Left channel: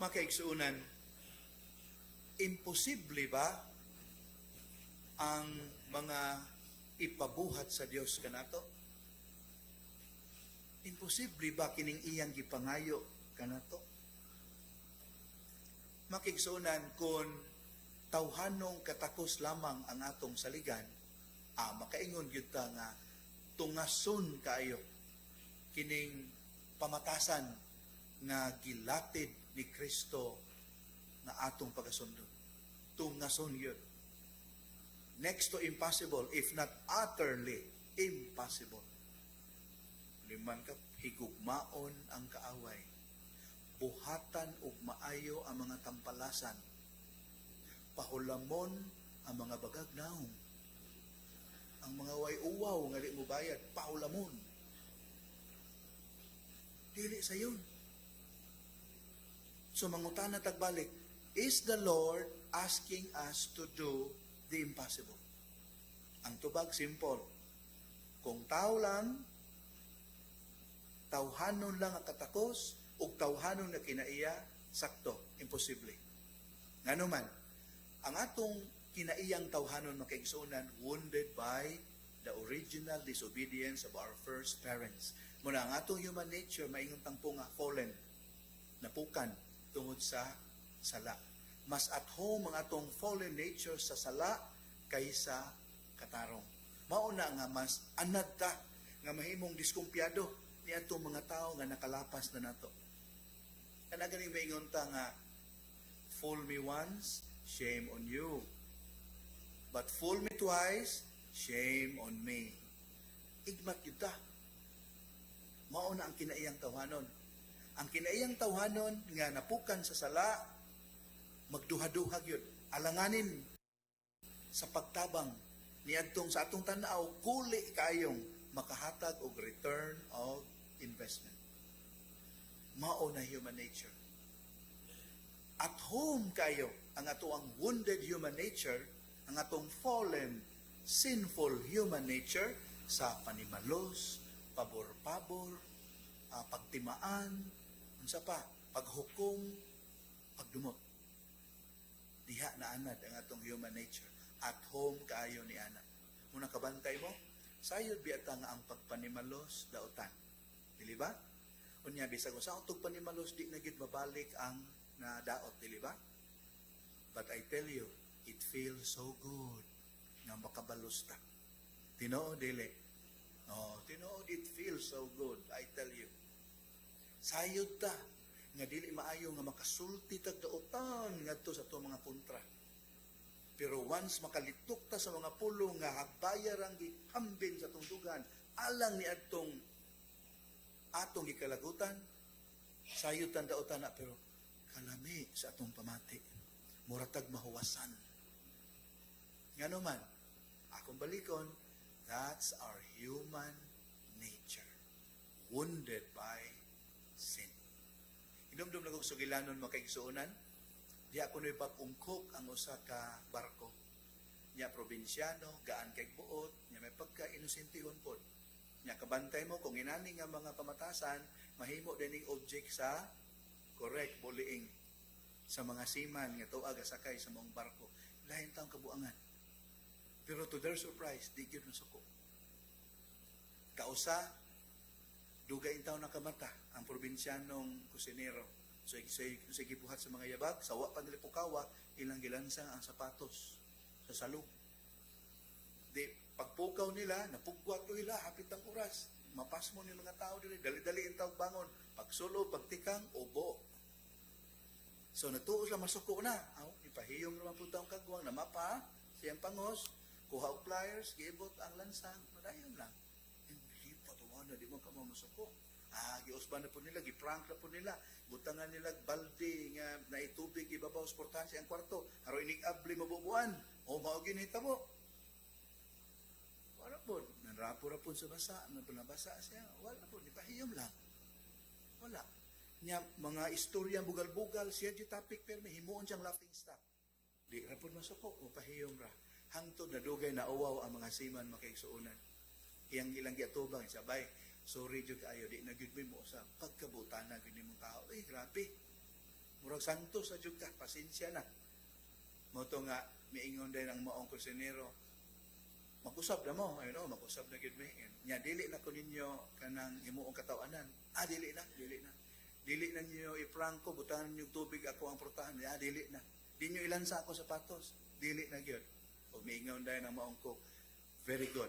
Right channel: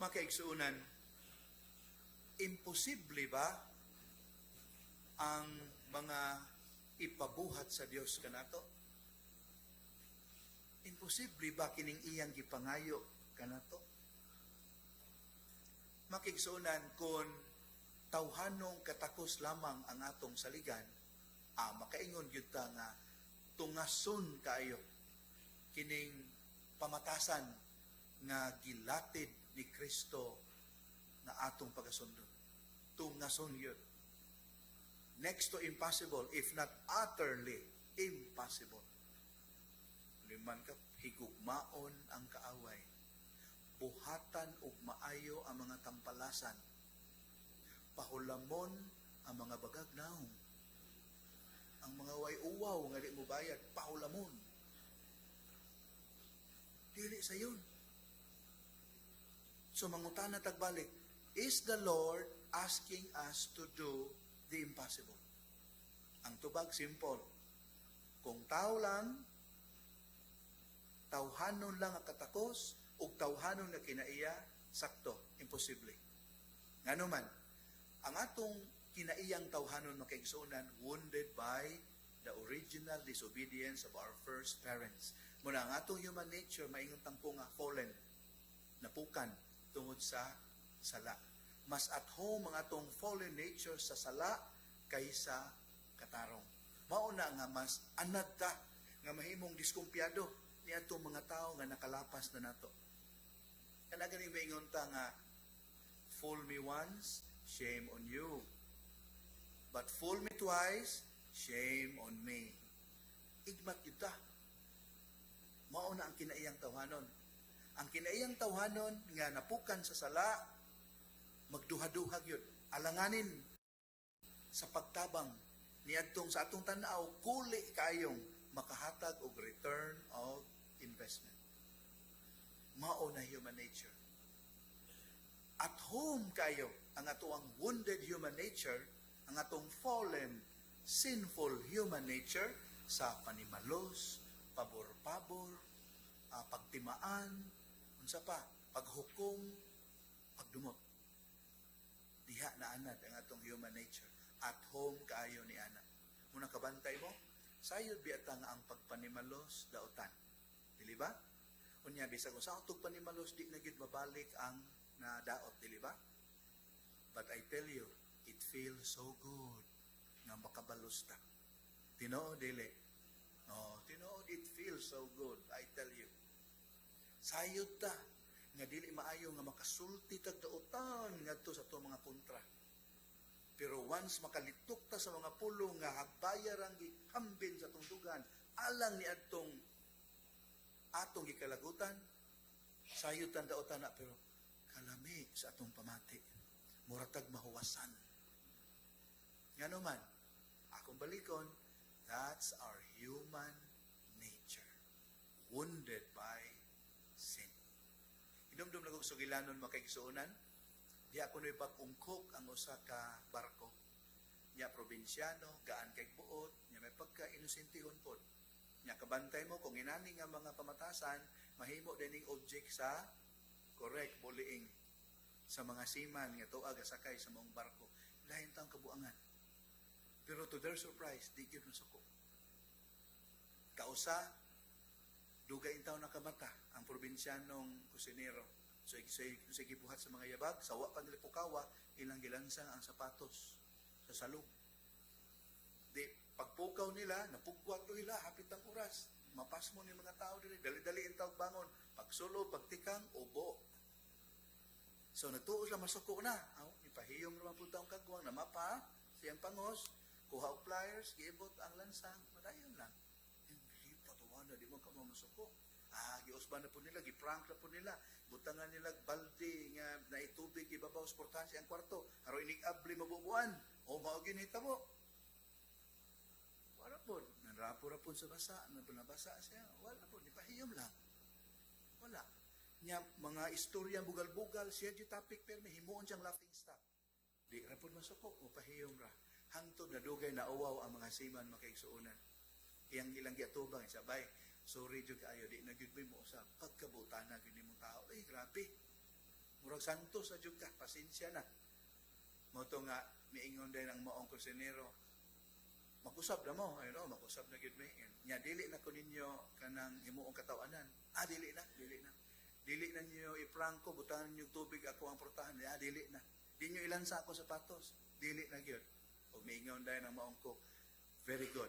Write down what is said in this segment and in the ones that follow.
Makaigsuunan, imposible ba ang mga ipabuhat sa Dios kanato? Imposible ba kining iyang gipangayo kanato? Makigsuunan kung tawhanong katakos lamang ang atong saligan, makaingon gyud ta nga tungason kayo kining pamatasan nga gilatid ni Kristo na atong pagasundon. Tungason yun. Next to impossible, if not utterly impossible. Liman ka, higugmaon ang kaaway. Buhatan ug maayo ang mga tampalasan. Pahulamon ang mga bagagnaong. Ang mga way-uwaw nga di mo bayad, pahulamon. Dili sa yun. So mangutana tagbalik, is the Lord asking us to do the impossible? Ang tubag, simple. Kung tao lang, tawhanon lang ang katakos, ug tawhanon na kinaiya, sakto, imposible. Ngano man, ang atong kinaiyang tawhanon makaigsuunan, wounded by the original disobedience of our first parents. Muna ang atong human nature, maingon tangpo nga fallen, napukan, tungod sa sala. Mas at home ang atong fallen nature sa sala kaysa katarong. Mauna nga mas anad ta nga mahimong diskumpiyado ni atong mga tao nga nakalapas na nato. Kana ganing maingon ta nga, fool me once, shame on you. But fool me twice, shame on me. Igmat yun ta. Mauna ang kinaiyang tawhanon. Ang kinaiyang tawhanon nga napukan sa sala, magduha-duhag yun. Alanganin sa pagtabang niadtong sa atong tanaw, kuli kayong makahatag og return of investment. Mao na human nature. At home kayo ang atoang wounded human nature, ang atong fallen, sinful human nature sa panimalos, pabor-pabor, pagtimaan, unsa pa, paghukom, pagdumot. Diha na anad ang atong human nature. At home kaayo ni anad. Muna kabantay mo, sayod biata nga ang pagpanimalos daotan. Dili ba? Unya bisag sa utog panimalos di na gid mabalik ang nadaot, dili ba? But I tell you, it feels so good na makabalos ta. Tinuod dili. Tinuod, it feels so good, I tell you. Sayod ta nga dili maayo nga makasulti tag daotan ngadto sa atong mga kontra. Pero once makalitok ta sa mga pulong nga habayar ang gihambin sa tungdugan, alang ni atong gikalagutan, sayod tan daotan na, pero kalami sa atong pamati. Muratag mahuwasan. Ngano man, akong balikon, that's our human nature. Wounded by sin. Hinumdum na kong sugilanon makaigsuunan, di ako na'y pag-ungkok ang usa ka barko. Niya probinsyano, gaan kay buot, niya may pagka-inosentihon po. Niya kabantay mo, kung inani nga mga pamatasan, mahimo din yung object sa correct, bullying sa mga seaman nga tuag sakay sa mong barko. Lain taong kabuangan. Pero to their surprise, di gyud suko. Kausa, dugay taon nakamata ang probinsyanong kusinero. So gibuhat sa mga yabag, sawa pag lipukawa, ilang gilansang ang sapatos sa salog. Di, pagpukaw nila, napugwat ko nila, hapit ang oras. Mapas mo ni mga tao dili, dali-dali ang tawag bangon. Pagsulo, pagtikang, ubo. So natuos lang masuko na. Ipahiyong naman po taong kagwang na mapa, siyang pangos, kuha og pliers, giibot ang lansang, madayon lang. Hindi pa tuwa na, di mo ka mamasuko. Giusban na po nila, giprank na po nila. Butangan nila balde nga naitubig, ibabaw sa portansya ang kwarto. Haro inig-abli mabubuan. O mauginita mo. Wala po. Nanrapo-rapon sa basa. Nabasa siya. Wala po. Ipahiyom lang. Wala. Nya, mga istorya bugal-bugal, siya di topic pero may himuon siyang laughing stock. Di rapon masuko. O pahiyom ra. Hangtod na dugay na uwaw ang mga siman makaigsuunan. Iyang ilang giatubang, sabay, sorry jud kayo, di na gyud mo sa pagkabutan na gyud nimong tao. Grabe. Murag santos sa jud ka, pasensya na. Moto nga miingon din ang maong kusinero. Mag-usab na mo, ayun mag-usab na gid mi. Nya dili na ko ninyo kanang himuong katawanan. Dili na, dili na. Dili na niyo iprangko, butahan niyo tubig ako ang portahan. Dili na. Di niyo ilansa ako sapatos. Dili na gyud. Ug miingon din ang maong ko. Very good.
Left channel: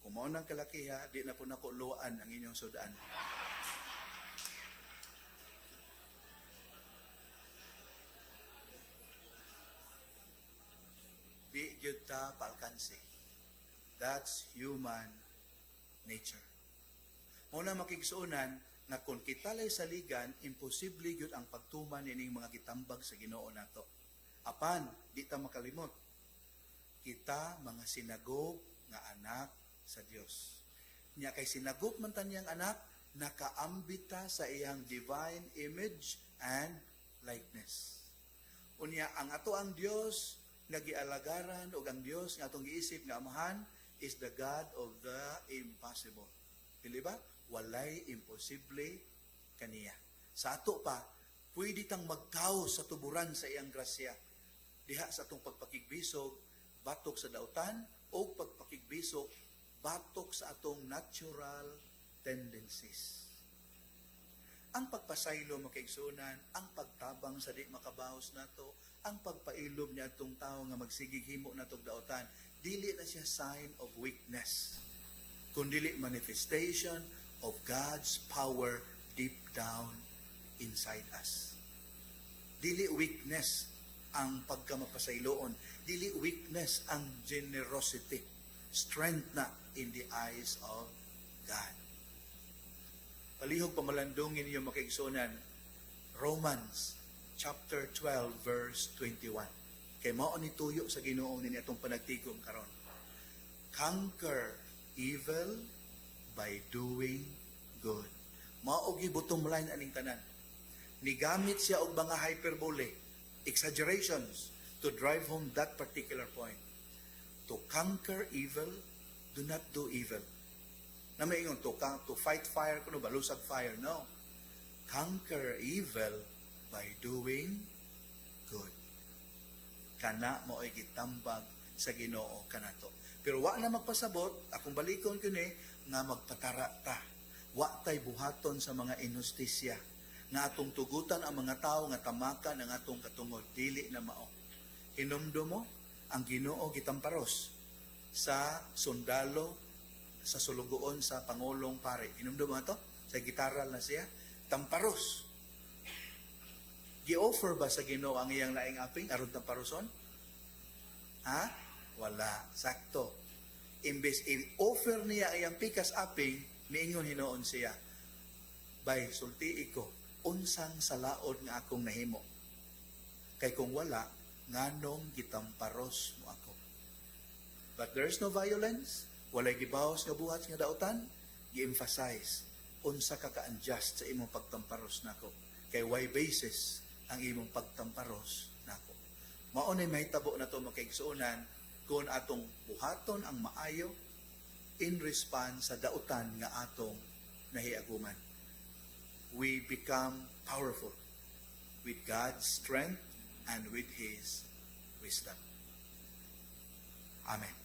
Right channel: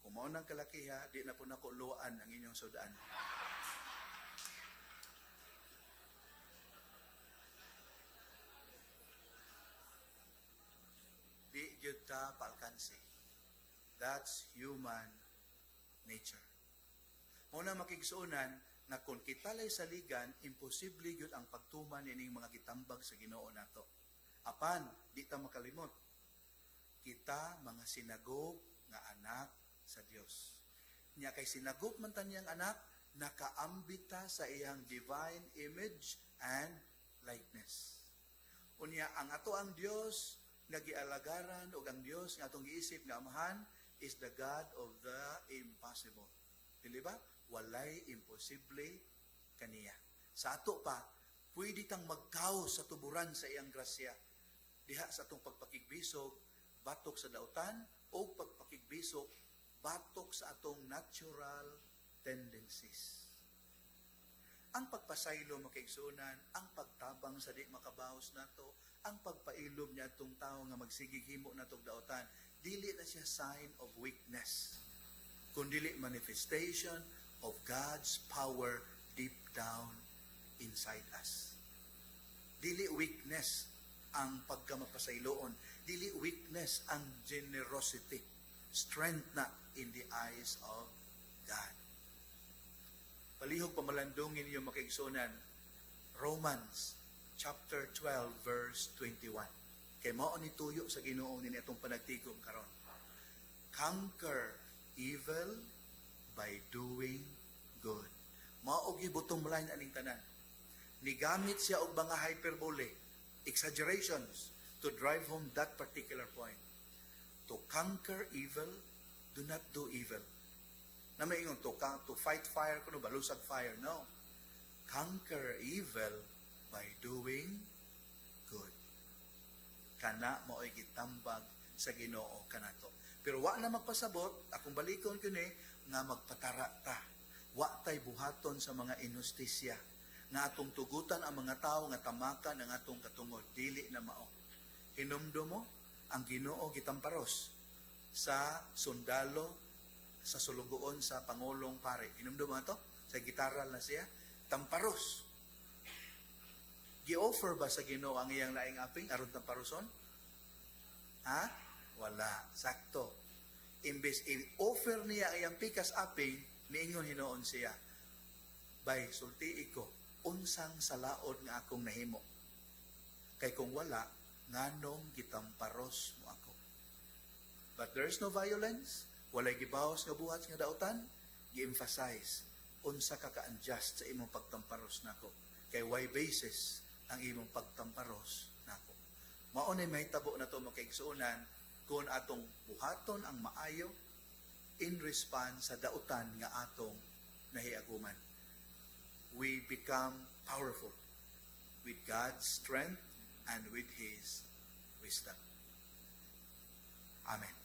Kung mao nang kalakiha, di na po nako luwaan ang inyong sudaan. Di gyud ta paalkansi. That's human nature. Muna makigsuunan na kung kita lay saligan, imposible gyud ang pagtuman ining mga gitambag sa Ginoo nato. Apan, di ta makalimot. Kita mga sinagop nga anak sa Dios. Nya kay sinagop man taniyang anak, nakaambita sa iyang divine image and likeness. Unya ang ato ang Dios nga gialagaran ug ang Dios nga atong giisip nga amahan is the God of the impossible. Dili ba? Walay imposible kaniya. Sa ato pa, pwede tang magkaw sa tuburan sa iyang grasya. Diha sa atong pagpakigbisog, batok sa dautan, o pagpakigbisog, batok sa atong natural tendencies. Ang pagpasaylo makaigsunan, ang pagtabang sa di makabahos nato, ang pagpailob niya atong tao nga magsigig himo natong dautan, dili na siya sign of weakness, kundi manifestation of God's power deep down inside us. Dili weakness ang pagkamapasayloon, dili weakness ang generosity, strength na in the eyes of God. Palihog pamalandungin niyo makaigsunan, Romans chapter 12 verse 21. Kay mao ni tuyo sa Ginoo ni atong panagtigom karon. Conquer evil by doing good. Mao gi bottom line aning tanan. Nigamit siya og mga hyperbole, exaggerations to drive home that particular point. To conquer evil, do not do evil. Na may ingon to fight fire kuno balusag fire, no. Conquer evil by doing good. Kana mo ay gitambag sa Ginoo kanato. Pero wa na magpasabot, akong balikon kini nga magpatara ta. Wa tay buhaton sa mga inustisya na atong tugutan ang mga tao nga tamakan ang atong katungod, dili na mao. Hinumdo mo ang Ginoo gitamparos sa sundalo sa sulugoon sa Pangulong Pare. Hinumdo mo ato? Sa gitaral na siya, tamparos. Gi-offer ba sa Ginoo ang iyang laing aping aron tamparoson? Ha? Wala. Sakto. Imbes i-offer niya ang iyang pikas aping, miingon hinoon siya, bay, sultii ko, unsang salaod nga akong nahimo. Kay kung wala, nganong gitamparos mo ako. But there's no violence, walay gibawas nga buhat nga dautan, gi-emphasize, unsa ka ka-unjust sa imong pagtamparos nako. Kay why basis ang imong pagtamparos nako. Mao nay mahitabo na to makaigsuonan kung atong buhaton ang maayo in response sa dautan nga atong nahiaguman. We become powerful with God's strength and with His wisdom. Amen.